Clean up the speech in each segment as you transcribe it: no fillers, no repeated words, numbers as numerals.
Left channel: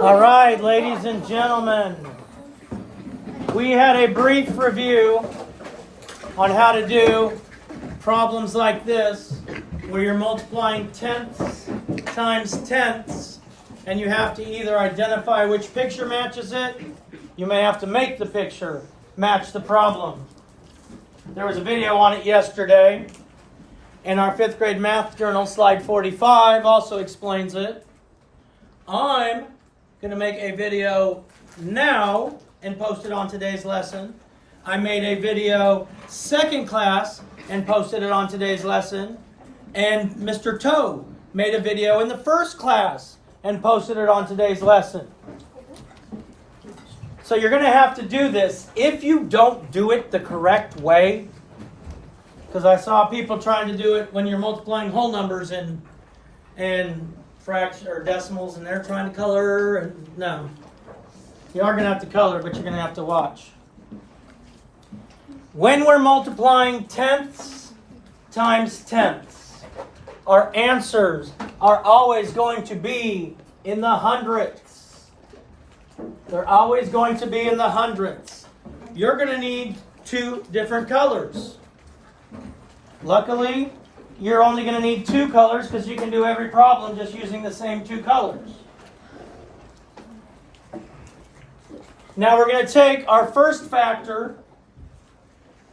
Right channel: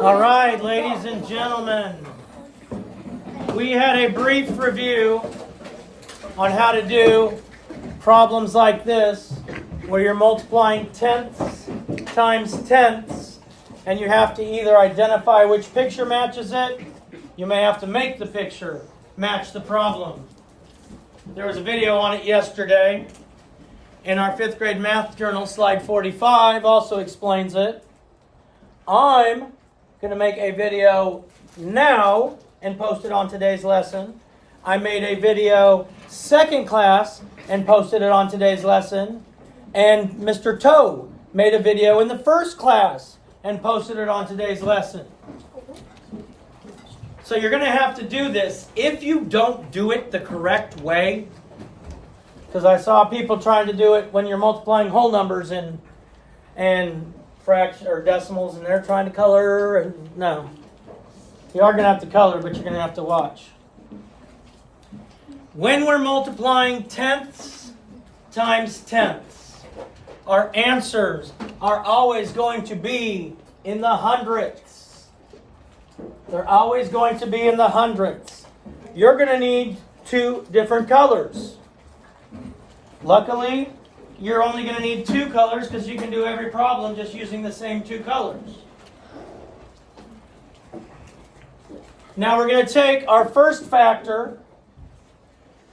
All right, ladies and gentlemen, we had a brief review on how to do problems like this, where you're multiplying tenths times tenths, and you have to either identify which picture matches it. You may have to make the picture match the problem. There was a video on it yesterday. In our 5th grade math journal, slide 45 also explains it. I'm going to make a video now and post it on today's lesson. I made a video second class and posted it on today's lesson. And Mr. Toe made a video in the first class and posted it on today's lesson. So you're going to have to do this. If you don't do it the correct way, because I saw people trying to do it when you're multiplying whole numbers and fraction or decimals, and they're trying to color, and no. You are going to have to color, but you're going to have to watch. When we're multiplying tenths times tenths, our answers are always going to be in the hundredths. They're always going to be in the hundredths. You're going to need 2 different colors. Luckily, you're only going to need 2 colors because you can do every problem just using the same 2 colors. Now we're going to take our first factor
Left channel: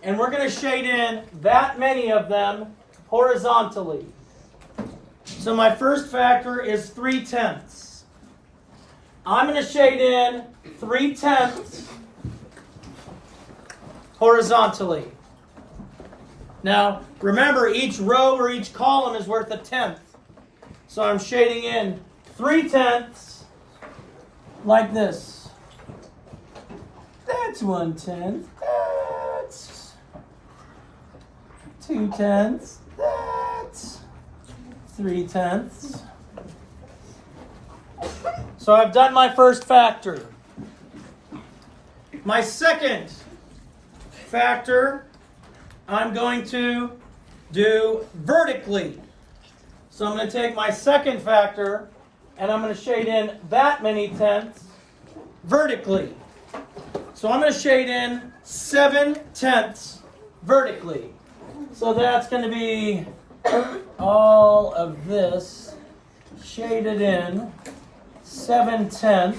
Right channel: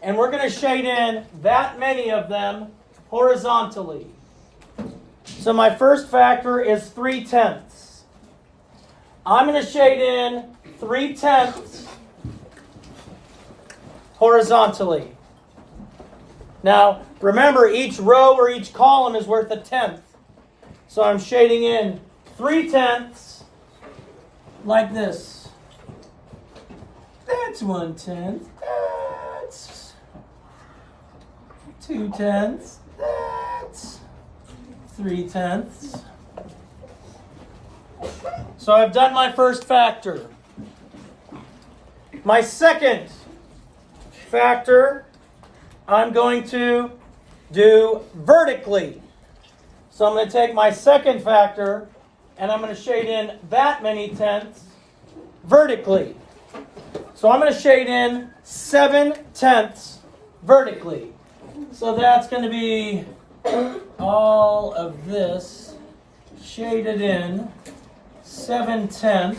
and we're going to shade in that many of them horizontally. So my first factor is 3/10. I'm going to shade in 3/10 horizontally. Now, remember, each row or each column is worth a tenth. So I'm shading in 3/10 like this. That's 1/10. That's 2/10. That's 3/10. So I've done my first factor. My second factor, I'm going to do vertically. So I'm going to take my second factor and I'm going to shade in that many tenths vertically. So I'm going to shade in 7/10 vertically. So that's going to be all of this shaded in 7/10.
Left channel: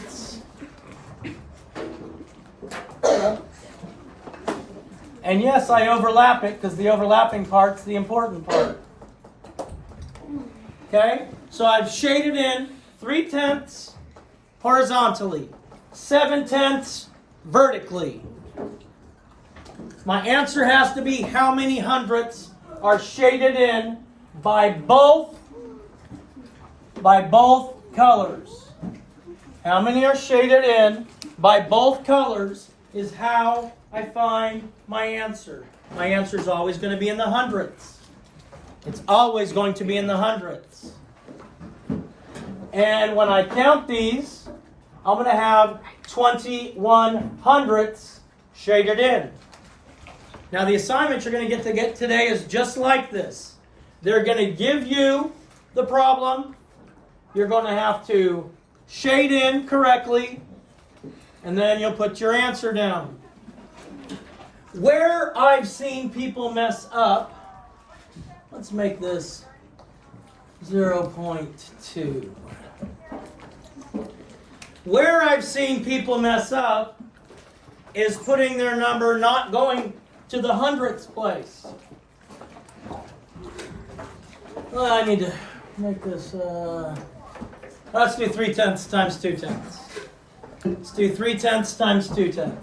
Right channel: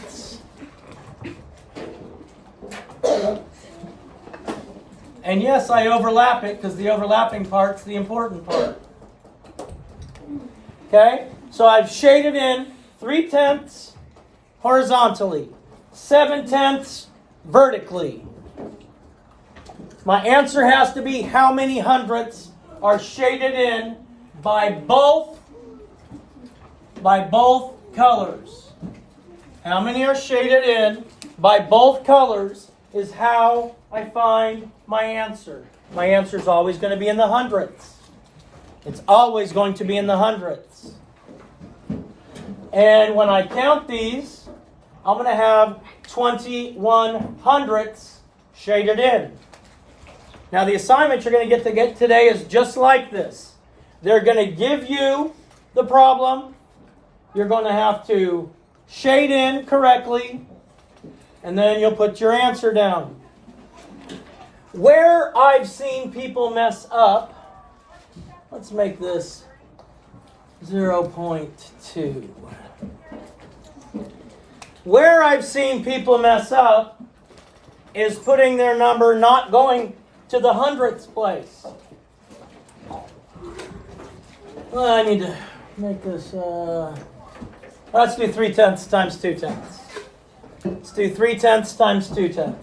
And yes, I overlap it because the overlapping part's the important part. Okay? So I've shaded in 3/10 horizontally, 7/10 vertically. My answer has to be how many hundredths are shaded in by both colors. How many are shaded in by both colors is how I find my answer. My answer is always going to be in the hundredths. It's always going to be in the hundredths. And when I count these, I'm going to have 21 hundredths shaded in. Now the assignment you're going to get today is just like this. They're going to give you the problem. You're going to have to shade in correctly, and then you'll put your answer down. Where I've seen people mess up, let's make this 0.2. Where I've seen people mess up is putting their number not going to the hundredths place. Well, I need to make this, let's do 3/10 times 2/10. Let's do 3/10 times 2/10.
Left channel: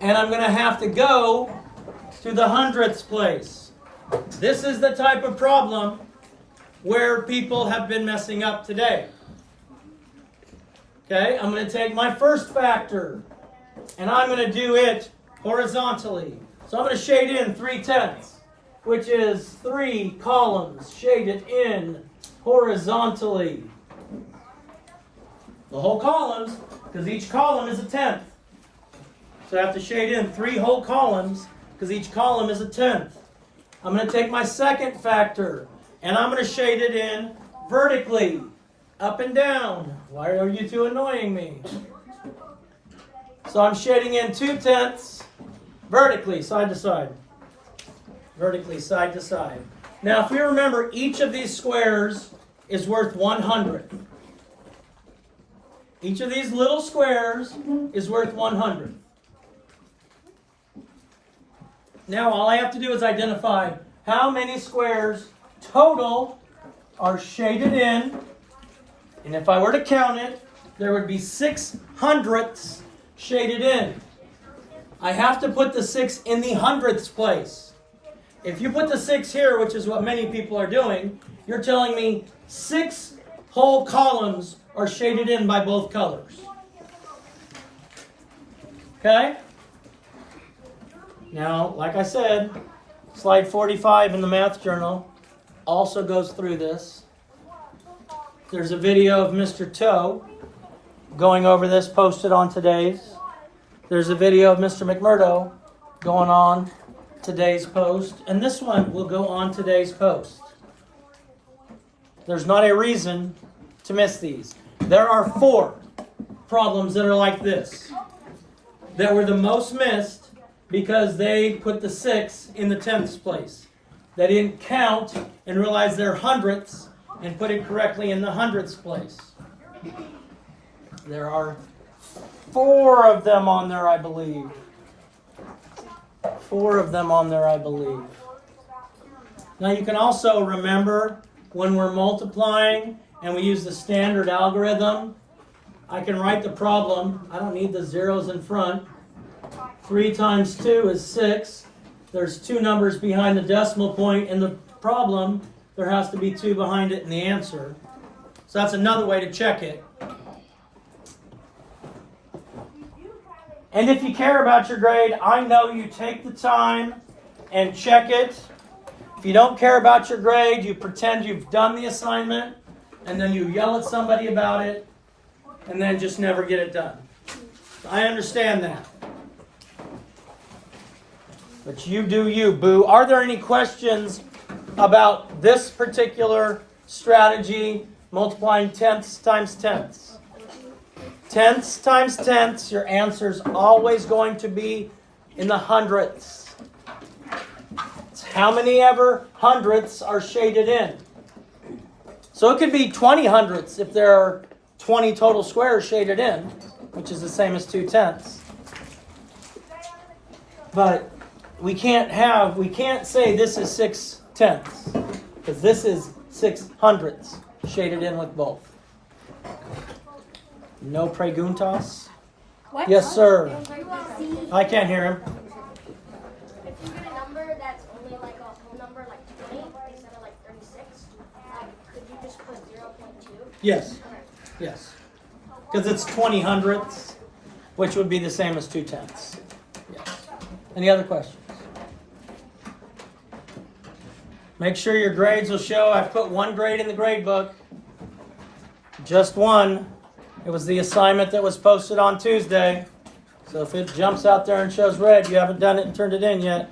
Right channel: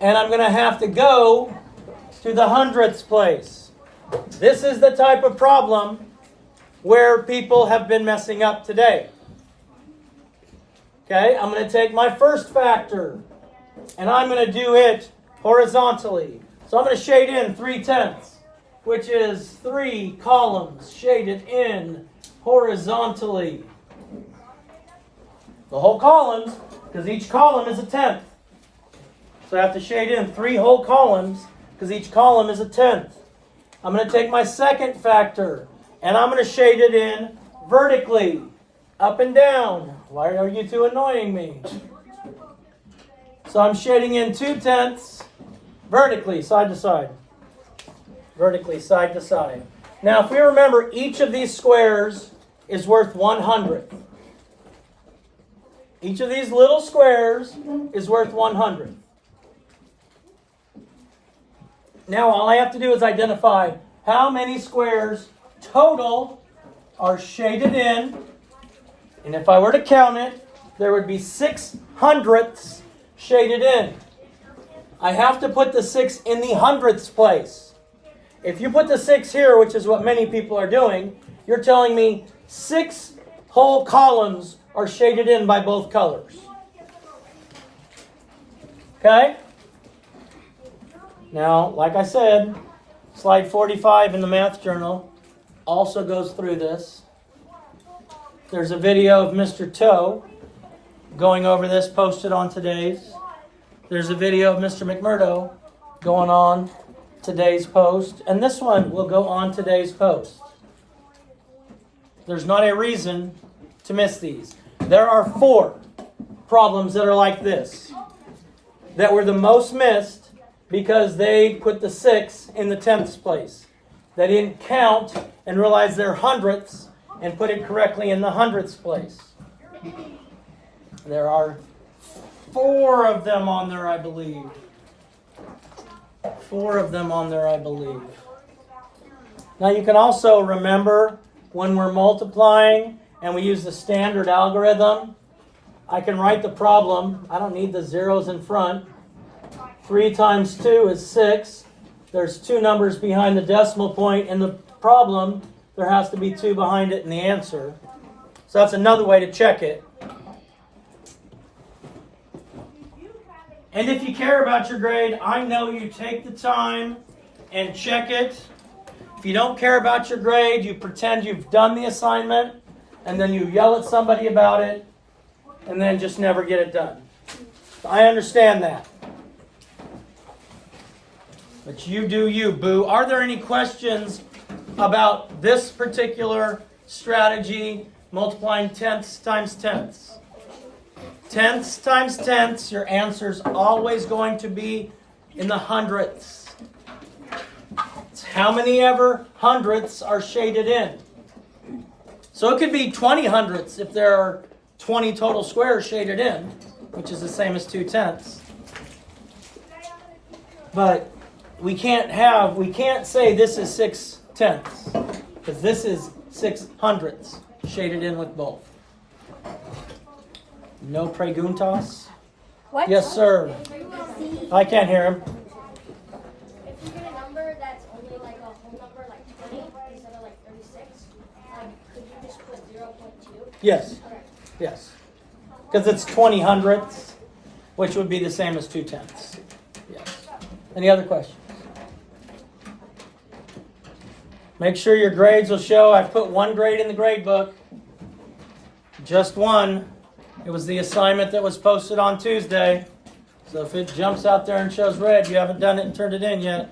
And I'm going to have to go to the hundredths place. This is the type of problem where people have been messing up today. Okay, I'm going to take my first factor and I'm going to do it horizontally. So I'm going to shade in 3/10, which is 3 columns shaded in horizontally. The whole columns, because each column is a tenth. So I have to shade in 3 whole columns because each column is a tenth. I'm going to take my second factor and I'm going to shade it in vertically. up and down. Why are you two annoying me? So I'm shading in 2/10 vertically, side to side. Vertically, side to side. Now, if we remember, each of these squares is worth 100. Each of these little squares is worth 100. Now, all I have to do is identify how many squares total are shaded in. And if I were to count it, there would be 6/100ths shaded in. I have to put the 6 in the hundredths place. If you put the 6 here, which is what many people are doing, you're telling me 6 whole columns are shaded in by both colors. Okay? Now, like I said, slide 45 in the math journal also goes through this. There's a video of Mr. Toe going over this posted on today's. There's a video of Mr. McMurdo going on today's post. And this one will go on today's post. There's not a reason to miss these. There are 4 problems that are like this that were the most missed because they put the 6 in the 10ths place. They didn't count and realize they're hundredths and put it correctly in the hundredths place. There are 4 of them on there, I believe. 4 of them on there, I believe. Now you can also remember when we're multiplying and we use the standard algorithm, I can write the problem. I don't need the zeros in front. 3 times 2 is 6. There's 2 numbers behind the decimal point in the problem. There has to be 2 behind it in the answer. So that's another way to check it. And if you care about your grade, I know you take the time and check it. If you don't care about your grade, you pretend you've done the assignment, and then you yell at somebody about it, and then just never get it done. I understand that. But you do you, boo. Are there any questions about this particular strategy, multiplying tenths times tenths? Tenths times tenths, your answer's always going to be in the hundredths. It's how many ever hundredths are shaded in. So it could be 20 hundredths if there are 20 total squares shaded in, which is the same as 2/10. But we can't say this is 6/10, because this is 6/100ths shaded in with both. No preguntas? What? Yes, sir. I can't hear him. If you get a number that's only like a whole number, like 20 instead of like 36, could you just put 0.2? Yes. Yes. Because it's 20 hundredths, which would be the same as 2/10. Yes. Any other questions? Make sure your grades will show. I've put 1 grade in the grade book. Just 1. It was the assignment that was posted on Tuesday. So if it jumps out there and shows red, you haven't done it and turned it in yet.